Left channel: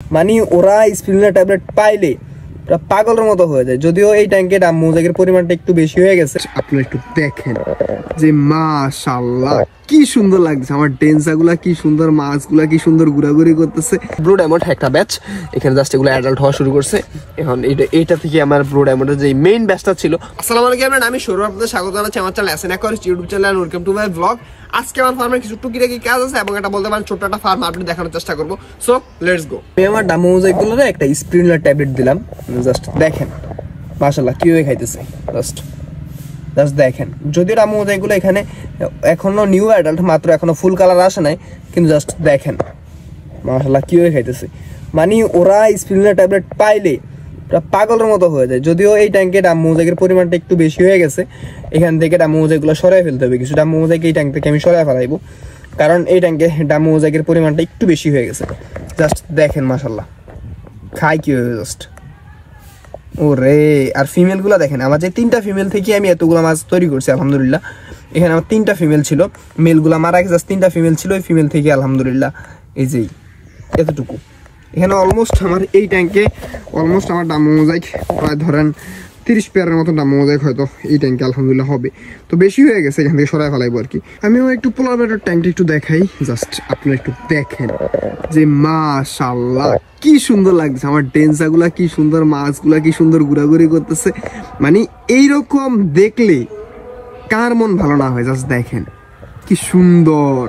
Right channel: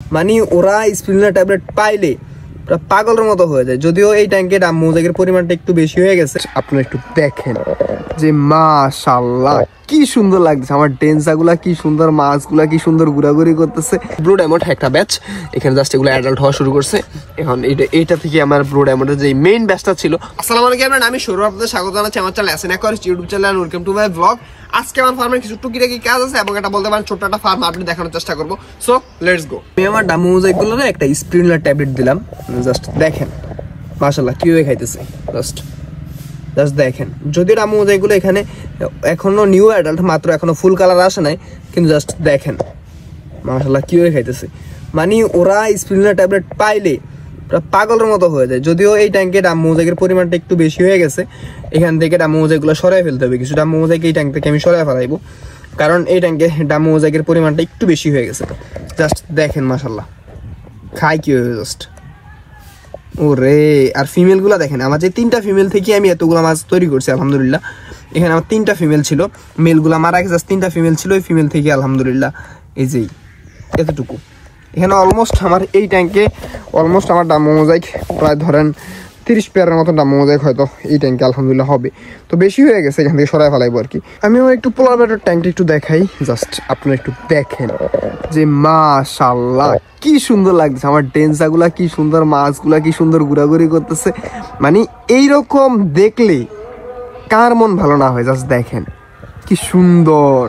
মানে ওরা sprinkler tablet পাইলে পাগলের মতো হয়ে যায়। যদিও এই ট্যাঙ্কের মোজাইকের পরিমাণটা একটু বেশি হয়ে গেছে, আপনারা একটু দেখেন যে মাশাআল্লাহ কি সুন্দর লাগছে। আমার ডেন্সাগুলা কি সুন্দর, মাছগুলা কি সুন্দর ঘোরাঘুরি করতেছে। ব্লু ডায়মন্ড একটা ব্যাচ এখানে জাস্ট এগুলো অ্যাডাল্ট হওয়া শুরু করছে। এখন এইটা থেকে আমার ব্লু ডায়মন্ডের যে মেইন ব্যাচটা ছিল। আসসালামু আলাইকুম, আমি সৌরভ, আপনাদের স্বাগত জানাচ্ছি আমার channel SN aquarist YouTube channel. Welcome to my blog. আজকে আমার ফার্মের কিছু টুকিটাকি কাজ আছে এবং এটা বলতে পারেন ছোট্ট একটা ফার্ম আপনি দেখানোর চেষ্টা করবো। So let's go. আমি আমার ডাম্বো মোজাইকগুলোরে একটা স্প্রিংলার ট্যাবলেট দিলাম। জাস্ট দেখেন মাশাআল্লাহ কিভাবে খাইতেছে। জাস্ট দেখেন, যদিও ডাম্বো মোজাইকগুলো এখানে এখনো নিউ অ্যাডাল্ট, মাত্র এখনো ফুল কালার আসে নাই, কিন্তু জাস্ট দেখেন মাশাআল্লাহ কিভাবে খাইতেছে। মানে ওরা স্প্রিংলার ট্যাবলেট পাইলে পাগলের মতো হয়ে যায়। যদিও এই ট্যাঙ্কে ডাম্বো মোজাইকের পরিমাণটা একটু বেশি হয়ে গেছে, এখান থেকে ডাম্বো মোজাইকগুলো সরাই ফেলতে হবে। কিছু ডাম্বো মোজাইক এই ট্যাঙ্ক থেকে আমি সরাই ফেলাইবো, কারণ এই ট্যাঙ্কে ডাম্বো মোজাইকের পরিমাণটা একটু বেশি হয়ে গেছে। জাস্ট দেখেন মাশাআল্লাহ খাই কি হয়ে জাস্ট ওরে। আর ফিমেল গুলা দেখেন, আমার যে 3টা ফিমেল থেকে আমি এতগুলো মাছ তৈরি করছি আলহামদুলিল্লাহ। এখানে আমার 3টা ফিমেল ছিল, মেল গুলা মারা গেছে, 3টা ফিমেল ছিল। ওই ফিমেল থেকে আলহামদুলিল্লাহ এই যে এতটুকু। এখানে অলমোস্ট আমার এই ট্যাঙ্কে অলমোস্ট আমার ডাম্বো মোজাইক প্রায় ধরেন 30 পেয়ারের মতো ডাম্বো মোজাইক হয়তো এই ট্যাঙ্কে আলহামদুলিল্লাহ হবে। তো বেশি হয়ে গেছে, এখান থেকে সরাই ফেলাইবো আর কি। আমিও একটু পোলার ব্যাটার ট্যাঙ্কটা একটু দেখাই, জাস্ট আপনারা একটু দেখেন যে মাশাআল্লাহ কি সুন্দর লাগছে। আমার ডেন্সাগুলা কি সুন্দর, মাছগুলা কি সুন্দর ঘোরাঘুরি করতেছে। মানে এইরকম দেখলে কার মন ভালো না হয়। জাস্ট দেখেন কি সুন্দর।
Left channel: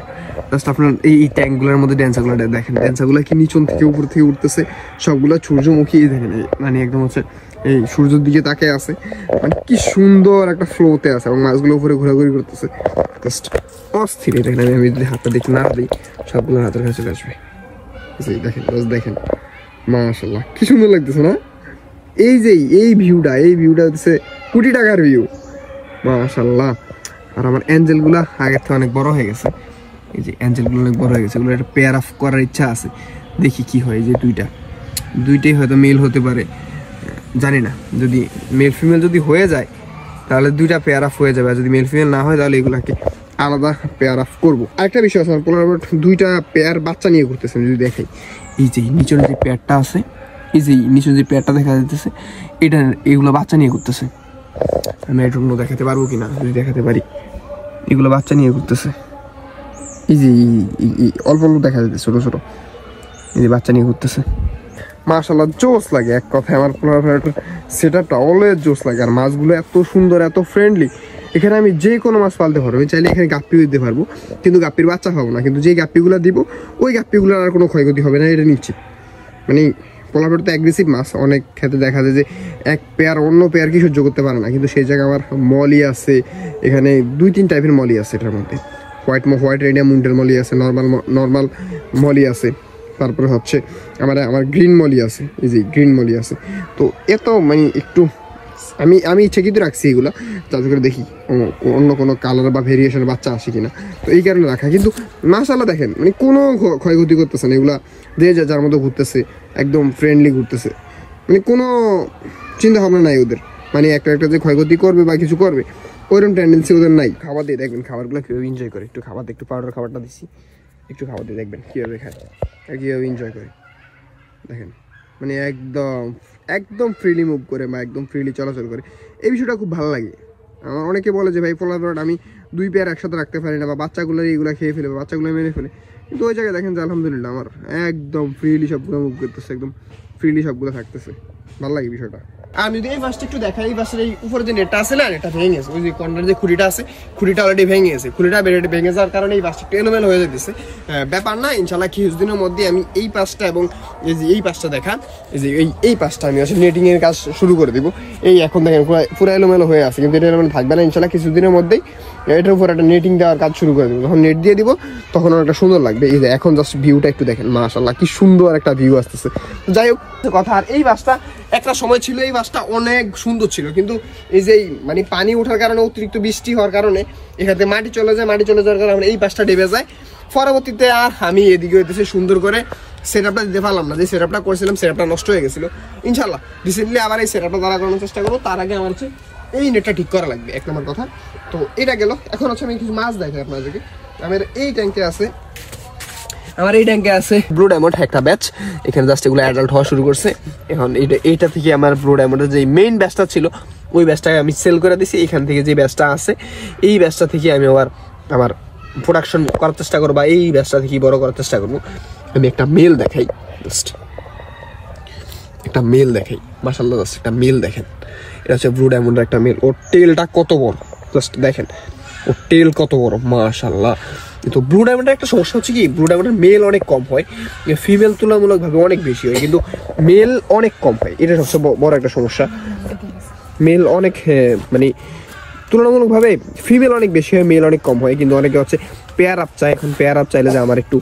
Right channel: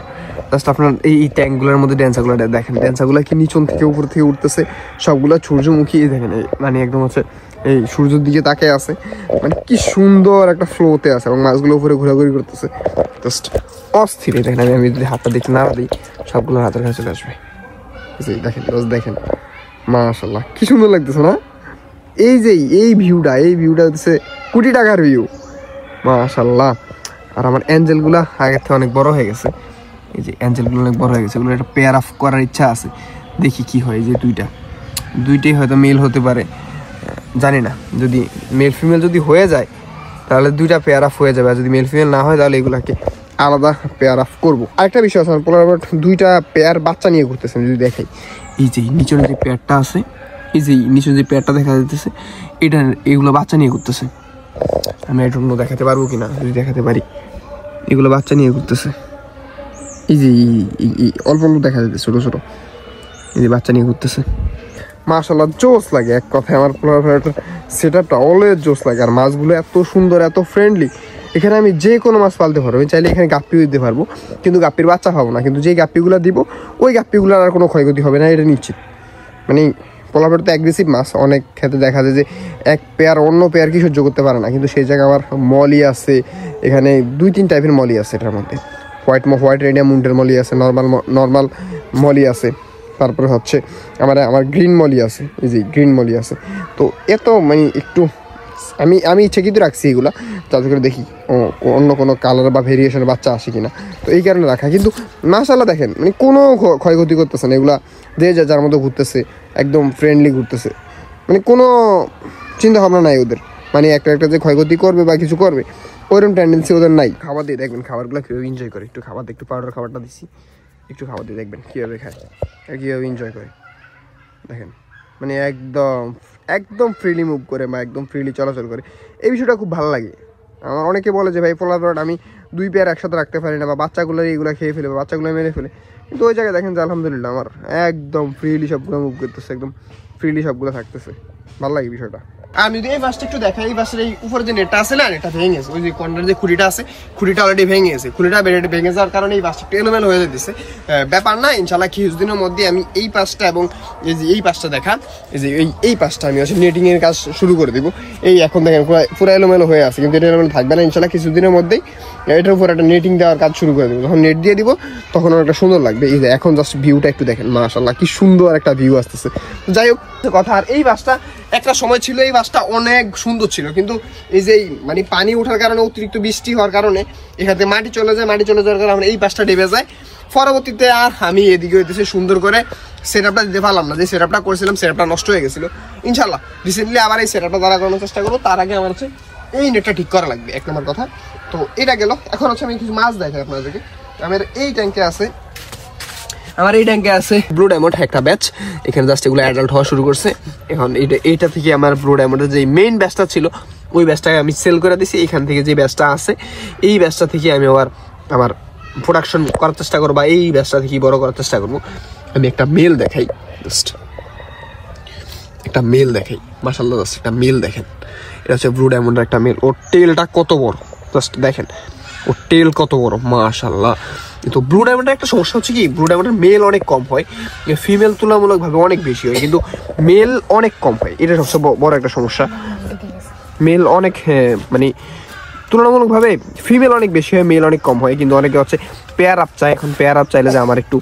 জাস্ট আপনার এই ট্যাঙ্কগুলোর মধ্যে ডেন্সাগুলো দেখেন, ডেন্সাগুলো কি নিচন থেকে উপর থেকে উঠতেছে, সবগুলো সূর্যমুখী দেখেন। মানে একদম হচ্ছে এই সূর্যের দিকে তাকিয়ে আছে, মানে কি সুন্দর একটা ফ্লোতে আছে এবং মাছগুলো উপরে ঘোরাঘুরি করতেছে। জাস্ট অস্থির। দেখেন আমি যদি হাতটা দেখতে না দিই সবগুলো হাতের কাছে চলে আসবে। দেখেন দেখেন মাশাআল্লাহ কি সুন্দর লাগতেছে না। এই যে এই ভিউটা হচ্ছে কোটি টাকার ভিউ মাশাআল্লাহ। আর আমার অ্যাঞ্জেল গুলা আগের থেকে অনেক বড় হয়ে গেছে। এই যে অ্যাঞ্জেল গুলো অনেক বড় হয়ে গেছে, এগুলো একটা পেয়ার অফ করার ইচ্ছা আছে, দেখি কি হয়। যে দুইটাই হয়তো মেল হতে পারে, জানি না। যদি মেল ফিমেল যদি হয়ে যায় তাহলে 2টা পেয়ার অফ হয়ে যাবে, আর যদি মেল ফিমেল না হয় তাহলে এগুলাকে আলাদা পেয়ার অফ করবো। আরেকটা বিষয় আছে, পোলার বার্ড 2টা পেয়ার বাচ্চা নিয়ে ঘুরতেছেন। যদি দেখাই এই যে নিচের যে পেয়ারটা আছে, এই যে নিচের যে পেয়ারটা দেখা যাচ্ছে, এগুলো বাচ্চা নিয়ে ঘুরতেছে। আমি একটু দেখাতে পারবো কিনা, যদি দেখাতে পারি। এগুলো বাচ্চা নিয়ে ঘুরতেছে, এই যে অল্প অল্প দেখা যাচ্ছে ছোট ছোট, এই যে বাচ্চা নিয়ে ঘুরতেছে। মাশাআল্লাহ জোস লাগে এক কথায়। আমার সেটআপটা অলওয়েজ জোস লাগে। আর মাছগুলো এত সুন্দর, এত ফ্রেন্ডলি। এখানে আমি যে কোনো মাছ পালতে পারবো। আমি চাইলে এখানে গাপ্পিও দিতে পারবো, কিন্তু গাপ্পির বাচ্চা পাবো না। কিন্তু যে গাপ্পিগুলো দিব ওই গাপ্পিগুলোর আর কোনো ক্ষয়ক্ষতি হবে না, এটা নিশ্চিত। মানে পোলার তো অ্যাগ্রেসিভ মাছ, অনেক ক্ষেত্রে দেখা যায় যে এক পেয়ার অন্য পেয়ার কি সহ্য করতে পারে না, কিন্তু সেই জায়গায় আমার মলি আছে। এখানে 2-3 টাইপের মলি আছে এটার মধ্যে। হোয়াইট রেডিয়াম মুন্ডের মলি আছে, নর্মাল মলি আছে, তারপরে হচ্ছে আমার গ্রিন মলি আছে, এই যে গ্রিন মলি আছে। তো এত মানে একটু আমি ইচ্ছে কিন্তু রাখছি এগুলা, যাতে করে দেখি অন্য কোনো কালার বা ভেরিয়েশনের বাচ্চা আসে কিনা। তো এই কারণে রাখা। কিন্তু মাশাআল্লাহ দেখেন মানে কোনো ক্ষয়ক্ষতি করতেছে না। এগুলা যে যার মতো ঘুরতেছে, একদম ফ্রেন্ডলি ঘুরতেছে। মানে কোনো চিন্তা ভাবনা নাই ওদের, মানে একটা যে ক্ষয়ক্ষতি করবে বা কিছু করবে ওইরকম টেন্ডেন্সি ওদের নাই। খাবার দিয়ে দেখবেন খাবারগুলো কীভাবে এনজয় করে। একটু খাবার দিয়ে, একটু পাউডার খাবারটা দিচ্ছি, একটু খাবার দিয়ে দেখবেন কীভাবে খায়, কীভাবে এনজয় করে দেখেন। মানে একদম ফ্রিলি মুভ করে বা একদম ফ্রিলি চলাচল করে। এই বিষয়টা খুব ভালো লাগে আমার। অনেকে বলে যে ভাই পোলার বার্ড আমি 2 পেয়ার একসাথে রাখতে পারি না, বা বাচ্চাগুলো এইগুলো খেয়ে ফেলে, বা বাচ্চাগুলো মেরে ফেলে। কিন্তু ওই জায়গায় দেখেন যে আলহামদুলিল্লাহ আমার একদম ফ্রিলি সবগুলো মুভ করতেছে, একদম ফ্রিলি সবগুলো থাকতেছে। ভালো লাগে বিষয়টা। আমি যদি এই বাসটা একটু দেখাই, এই বাসের এই উপরে যে নেটটা আছে না, নেটটা ভেঙে গেছে। ওই যে কর্নার যে খুঁড়িটা আছে, খুঁড়িটা অলরেডি ভেঙে গেছে। খুঁড়িটা ভেঙে যাওয়ার কারণে এই বাসটা এলোমেলো হয়ে যেতেছে। ব্যাপার না, ইনশাল্লাহ কিছুদিনের মধ্যে আমি এই পাশটা এবং এই যে এই পাশটা দেখা, এই যে এই পাশটা আমি আসলে নেটিং এর কাজ শুরু করে দিব। এই এখন দেখেন পুরো এলোমেলো হয়ে আছে, কিন্তু এটা এলোমেলো থাকবে না ইনশাল্লাহ। কিছুদিনের মধ্যেই এটার উপর একটা নেটিং দেওয়ার কাজ শুরু করে দেবো। যখন নেট দিয়ে দিব তখন একটা সুন্দর লাগবে। এই যে এখন জাস্ট ভিউটা একটু দেখেন, মাশাআল্লাহ কি সুন্দর একটা ভিউ আসতেছে। যাই হোক কথা। আর এই বাসটা একটা সময় ছিল, এই বাসটা অনেক সুন্দর ছিল, কিন্তু এই যে মানে পানি ওঠার কারণে, অতিরিক্ত বৃষ্টি হওয়ার কারণে এখানে মাটি চলে যাওয়ার কারণে এই বাসটা ডেবে যায়। পরবর্তীতে আর আমি এদিকে হইতেছে সুন্দর করে সেটআপটা দিতে পারলাম না। যে সেটআপটা করেছিলাম সেটআপটা নষ্ট হয়ে গেছিল। ইনশাল্লাহ রিসেন্টলি আবার এই সেটআপটা দ্বারা করানোর চেষ্টা করবো। তার আগে আমার হচ্ছে এই নেটটা ঠিক করা লাগবে, 1 নম্বর কথা। তো এটা গেল। এখন হচ্ছে আমি কিছু মাছ দেখাই আপনাদেরকে। আমার এই ট্যাঙ্কে আছে আমার এই ট্যাঙ্কে আছে ব্লু ডায়মন্ড একটা ব্যাচ, এখানে জাস্ট এগুলো অ্যাডাল্ট হওয়া শুরু করছে। এখন এইটা থেকে আমার ব্লু ডায়মন্ডের যে মেইন ব্যাচটা ছিল ওই ব্যাচটাকে আমি সেল করে দিছি। এখান থেকে যে ব্যাচটা আছে এই ব্যাচটা থেকে আমি আমার প্রোডাকশন করার চেষ্টা করবো, বা এই ব্যাচটা থেকে বড় করার চেষ্টা করবো। আমি একটা মেল দেখাই, জাস্ট একটা মেল দেখাই, মাশাআল্লাহ জাস্ট একটা মেল দেখেন। এটা হচ্ছে ব্লু ডায়মন্ডের একটা মেল, ওর টেলটা কত বড় জাস্ট দেখেন, ওর টেল কত বড় মাশাআল্লাহ। কিন্তু ব্লু ডায়মন্ডের একটা সমস্যা হচ্ছে কি, ব্লু ডায়মন্ডের মেল অনেক কম হয়, ফিমেল তুলনামূলকভাবে অনেক বেশি হয়, কিন্তু মেল অনেক কম হয়। এটা সবচেয়ে বড় একটা সমস্যা। মেল অনেক মানে তুলনামূলকভাবে ফিমেল অনেক বেশি হয়, মেল অনেক কম হয়। কিন্তু অনেকে হচ্ছে পেয়ার আপ চায়, এখন পেয়ার আপ চাইলে যে আমার একটু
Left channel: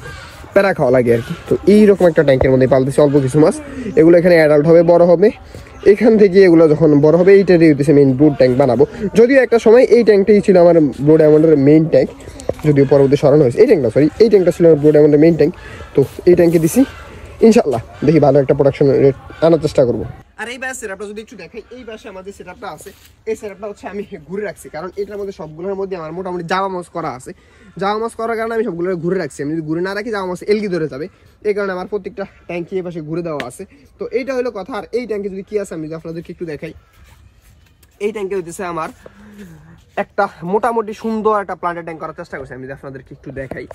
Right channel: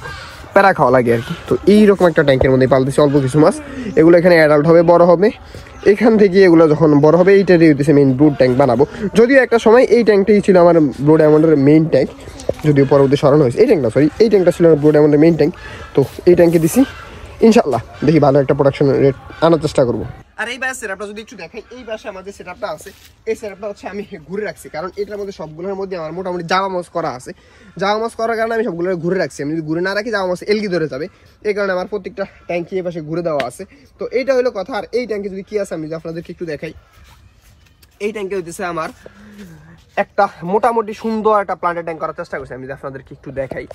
প্যারা খাওয়া লাগে আর কি। তো এইরকম একটা ট্যাঙ্কের মধ্যে পালতেছি অল্প কিছু মাছ, এগুলো এখানে অ্যাডাল্ট হবে, বড় হবে। এখান থেকে এগুলো যখন বড় হবে এইটারই হচ্ছে মেইন ব্লু ট্যাঙ্ক বানাবো। যদিও একটা সময় এই ট্যাঙ্কটাই ছিল আমার ব্লু ডায়মন্ডের মেইন ট্যাঙ্ক, যদিও পরবর্তী সরানো হয়েছে। এই ট্যাঙ্কটা সরি, এই ট্যাঙ্কটা ছিল আমার ব্লু ডায়মন্ডের মেইন ট্যাঙ্ক। তো এই ট্যাঙ্কে দিছি, ইনশাল্লাহ দেখি ভালো একটা প্রোডাকশন রেট আনার চেষ্টা করবো। আর এই ব্যাস সেটআপটা যদি একটু দেখাই, এই পাশে আমাদের সেটআপটা আছে। এই সেটআপটা হচ্ছে আমি ঘুরে রাখছি, কারণ এটার মধ্যে সবগুলোর মধ্যে আমার মোটামুটি জামা মাছ করা আছে। জামা মাছ করার কারণে আমি সবগুলো ঘুরে রাখছি। আমি যদি ঘুরে না রাখি জামা মাছ এলগি ধরে যাবে, এই কারণে আমার প্রত্যেকটা ট্যাঙ্কি এই পাশে ঘুরে দেওয়া আছে। তো এইটা হলো কথা। আর এই ট্যাঙ্কে যদি কি আছে আমি যদি আপনাদেরকে একটু দেখাই, এই ট্যাঙ্কে হইতেছে আমার একটা মোটামুটি সুন্দর একটা প্লান্টের ট্যাঙ্ক করার চেষ্টা করছি। আমি যদি আপনাদেরকে একটু দেখাই,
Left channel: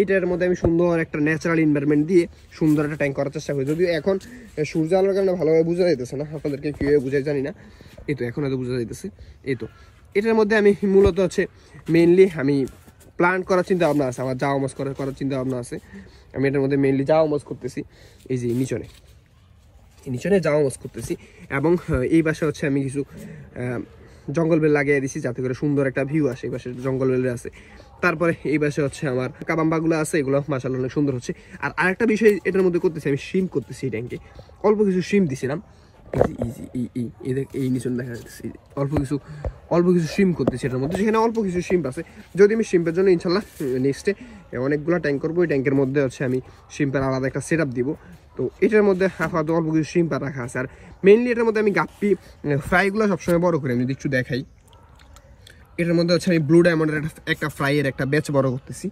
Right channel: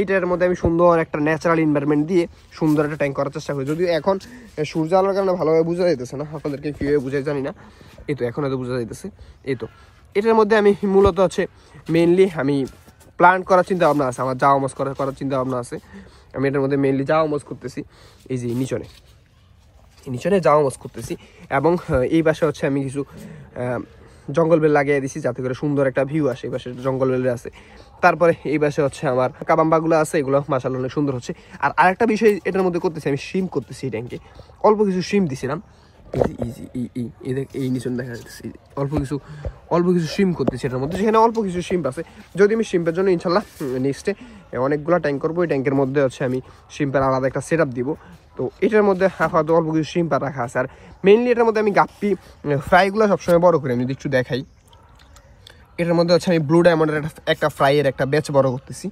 এইটার মধ্যে আমি সুন্দর একটা ন্যাচারাল এনভায়রনমেন্ট দিয়ে সুন্দর একটা ট্যাঙ্ক করার চেষ্টা করি। যদিও এখন সূর্য আলোর কারণে ভালোভাবে বোঝা যাইতেছে না, আপনাদেরকে কীভাবে বোঝাই জানি না। এই তো এখন হয়তো বোঝা যাইতেছে। এই তো এটার মধ্যে আমি মূলত হচ্ছে মেইনলি আমি প্লান্ট করার চিন্তা ভাবনা আছে, আমার জাওয়া মাছ করার চিন্তা ভাবনা আছে। আমি এটার মধ্যে মেইনলি জাওয়া মাছ করতেছি, এই যে নিচনে জাওয়া মাছ করতেছি। এবং এই পাশে হচ্ছে আমি কিছু জঙ্গল বেল লাগিয়ে দিছি, যাতে করে সুন্দর একটা ভিউ আসে। এই পাশে জঙ্গল বেল আছে। তারপরে এই পাশে হচ্ছে আমার কাবাম্বাগুলো আছে, এগুলো মাশাআল্লাহ অনেক সুন্দর হচ্ছে। আর আরেকটা বিষয় এটার মধ্যে করতেছি, আমি শিম করতেছি। এই ট্যাঙ্কে অল্প কিছু শিম দিছিলাম, এই নিচন দেখা যাচ্ছে অল্প কিছু শিম করতেছি এটার মধ্যে, যেখানে অল্প কিছু শিম্প আছে। যদি আমি শিম্পের জন্য ইনশাল্লাহ নেক্সটে অনেকগুলো ট্যাঙ্ক করবো, ওই ট্যাঙ্কের মধ্যে হচ্ছে আমি শিম্পের আলাদা একটা সেট আপ দিব। তো এটার মধ্যে আপাতত অল্প কিছু শিম্পা রাখা আছে। আর মেইনলি এটার মধ্যে আমি গাপ্পি ফ্রাইগুলো সবসময় বড় করি। আমি যদি একটু দেখাই, এটার মধ্যে হচ্ছে আমি ব্লু ডায়মন্ডের একটা ফ্রাইয়ের একটা ব্যাচ বড় করতেছি।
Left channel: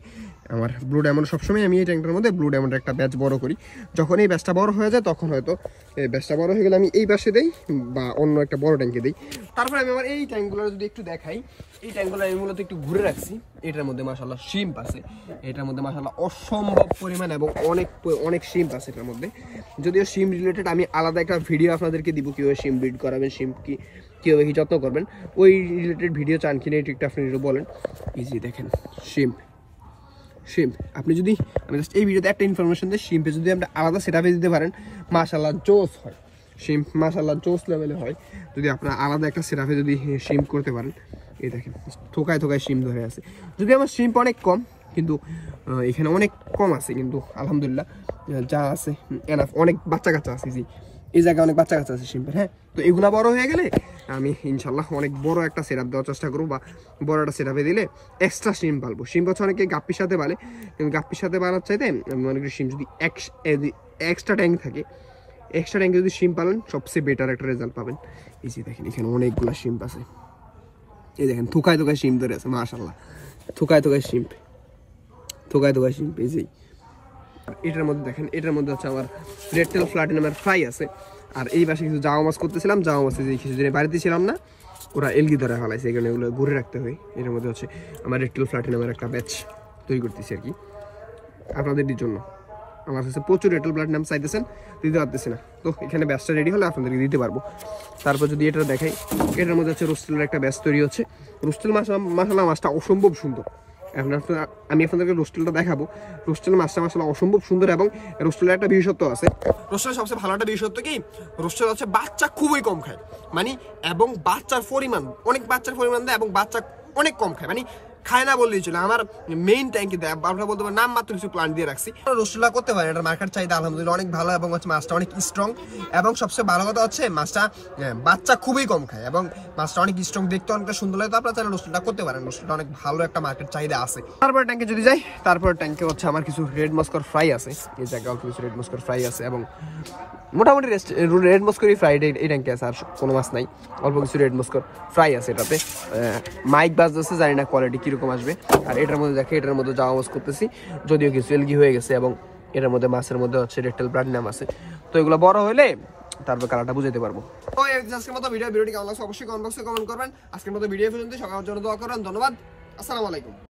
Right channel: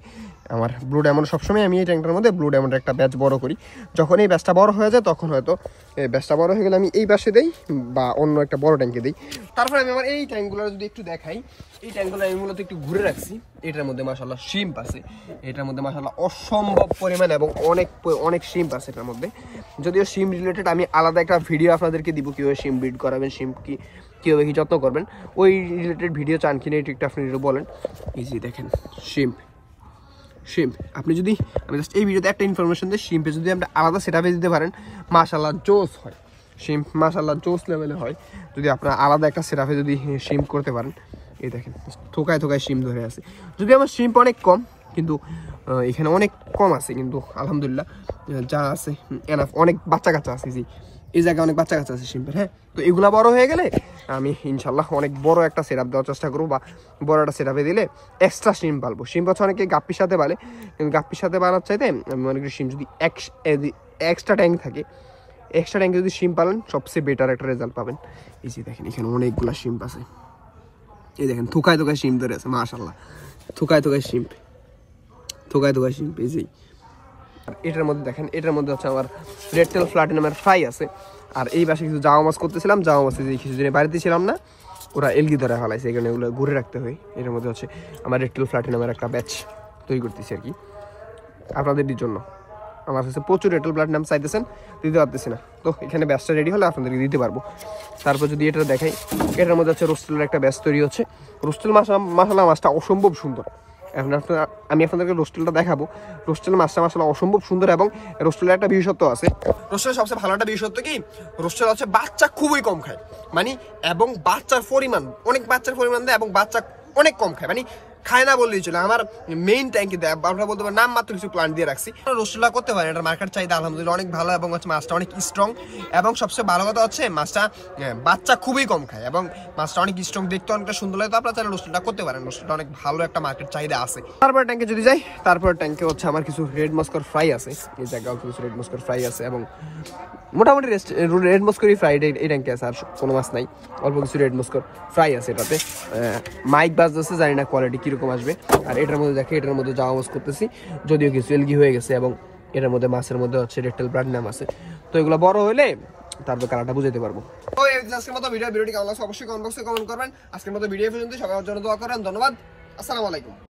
আমার ব্লু ডায়মন্ড সবসময় আমি এই ট্যাঙ্কটার মধ্যে ব্লু ডায়মন্ডের একটা ব্যাচ বড় করি। যখন এই ব্যাচটা বড় হয়ে যায় তখন হয়তো এই ব্যাচটা বড় হয়ে গেলে আমি এই পাশে দেই বা অন্য একটা বড় ট্যাঙ্কে দিই। তারপরে আমি আমার এই ট্যাঙ্কগুলো যদি একটু দেখাই, এই ট্যাঙ্কগুলো আমি মূলত একটু ঘুরে রাখছি। এটার মধ্যে মাশাআল্লাহ শিম্প আছে, এটার মধ্যে মাশাআল্লাহ অসম্ভব পরিমাণ এবং অনেক শিম্প আছে এটার মধ্যে। যদিও শিম রিলেটেড আমি আলাদা একটা ভিডিও আপনাদেরকে দিব, কীভাবে শিম ব্রিড করাবেন, শিম কীভাবে কি যত্ন করবেন, ওই রিলেটেড ভিডিও চান কিনা একটু আপনি বলেন। এই যে দেখেন শিম্প, আপনি যদি আমি জাস্ট এই ভিডিওতে একটা ইনফরমেশন দিই, শিম্পে যদি আপনি আলাদা সেটআপে দিতে পারেন মাশাআল্লাহ জোস হয়, শিম্প মাশাআল্লাহ জোস লেভেলে হয়। যদি আপনার আলাদা একটা সেটআপে যদি শিম্প করতে পারেন, এই দেখেন থোকায় শিম্প ধরে আছে। যদি আমার শিম্প অনেক কম, কিন্তু এখানে অনেক কম আছে, কিন্তু আলহামদুলিল্লাহ যা আছে এনাফ। অনেক বাচ্চা কাচ্চা আছে, এই জায়গায় অনেক বাচ্চা কাচ্চা আছে শিম্পের। হ্যাঁ, তো এগুলা বড় হয়ে গেলে আমি ইনশাল্লাহ অনেক বড় একটা সেটআপ দেওয়ার চেষ্টা করবো, বা বড় একটা সেটআপে দিলে এক্সট্রা শিম পালবো। শিম হচ্ছে অনেকে গাপ্পির সাথে পালে, কিন্তু গাপ্পির সাথে পালার চাইতে আমি মনে করি শিম যদি এক্সট্রা ট্যাঙ্ক থাকে, এক্সট্রা ট্যাঙ্কে যদি শিম পালেন সবচেয়ে বেটার একটা রেজাল্ট পাবেন। এই যে দেখেন এখানে অনেকগুলো শিম্প আছে, এই দেখেন থোকায় শিম ধরে আছে মাশাআল্লাহ, থোকায় শিম্প, এই যে। এটার মধ্যে দেখেন, এটার মধ্যে হচ্ছে আমার রেড টেল প্লাটিনামের ফ্রাই আছে। আর এই পাশে কিছু জাওয়া মাছ করতেছিলাম, জাওয়া মাছে যে কিছুদিন বাড়িতে ছিলাম না, ওরা এলগি ধরে ফেলাইছে, এই কারণে এগুলো ঘুরে রাখতে হয়। এটার মধ্যে হচ্ছে আমার রেড টেল প্লাটিনামের একটা ব্যাচ তৈরি করতেছি আর কি আপনাদের জন্য। আমার কাছে প্রচুর রেড টেল প্লাটিনাম চাইতেছেন, দিতে পারতেছি না। তো এখানে ব্যাচটা রেডি হলে আপনাদেরকে দিতে পারবো। তারপর যদি এটা দেখাই, এটার মধ্যে হচ্ছে রোস্টেলের একটা ব্যাচ তৈরি হচ্ছে। রোস্টেল মাশাআল্লাহ মাছটা অসম্ভব সুন্দর। আমি আপনাদেরকে রোস্টেলটা দেখাবো। রোস্টেল মাছটা মাশাআল্লাহ অসম্ভব সুন্দর, এবং রোস্টেলের একটা বিশেষত্ব আছে। রোস্টেলের সবচেয়ে ভালো একটা বিশেষত্ব কি, রোস্টেল হচ্ছে বাচ্চা খুবই কম খায়, মানে এবং বাচ্চার পরিমাণ অনেক দেয়, এবং বাচ্চা অনেক কম খায়, মানে খায় না বললেই চলে। আমার মেইন ট্যাঙ্কি দেয়, আমরা বলতে পারি নাম মাত্র কিছু প্লান্ট দিয়ে রাখছি। রোস্টেলটা করতে পারেন, এটার মার্কেট চাহিদা আলহামদুলিল্লাহ অনেক ভালো, এবং হচ্ছে মাছটা অনেক স্ট্রং। এবং সবচেয়ে ভালো কথা হচ্ছে মাছটা বাচ্চা খুবই কম খায়, এবং মাছটা অনেক স্ট্রং, দেখতে অনেকটা সুন্দর লাগে। তো আপনারা চাইলে রোস্টেলটা করতে পারেন, রোস্টেলটা অনেক ভালো একটা মার্কেট চাহিদা আছে। তারপর ট্যাঙ্কে যদি যাই, তারপর ট্যাঙ্কে হচ্ছে আমার কিছু রেড মস্কর ফ্রাই আছে, এই জায়গায় কিছু রেড মস্কর ফ্রাই আছে, এবং মোটামুটি রেড মস্করই ফ্রাইড এই ট্যাঙ্কে আছে, আর কোনো মাছ নাই। অল্প কিছু রেড মস্কর ফ্রাই আছে এটাতে। মাইক বাজ আছে, জানি না কোয়ালিটি কি কিরকম আসবে। আর এটার মধ্যে দেখে এটার মধ্যে যাওয়া ওয়াজ করতেছি, যদিও কিছু এলগি হয়ে গেছে এবং এটার মধ্যে মাছের মধ্যে হচ্ছে রেকটেল প্লাটিনাম আছে। তো এগুলো বড় হলে তারপর কালারটা বুঝাতে পারবো। তো আজকের মতো ভিডিওটি কেমন লাগছে অবশ্যই কমেন্ট বক্সে কমেন্ট করবেন। আজকের মতো ভিডিও পর্যন্ত সবার জন্য দোয়া করেন। ধন্যবাদ, আসসালামু আলাইকুম।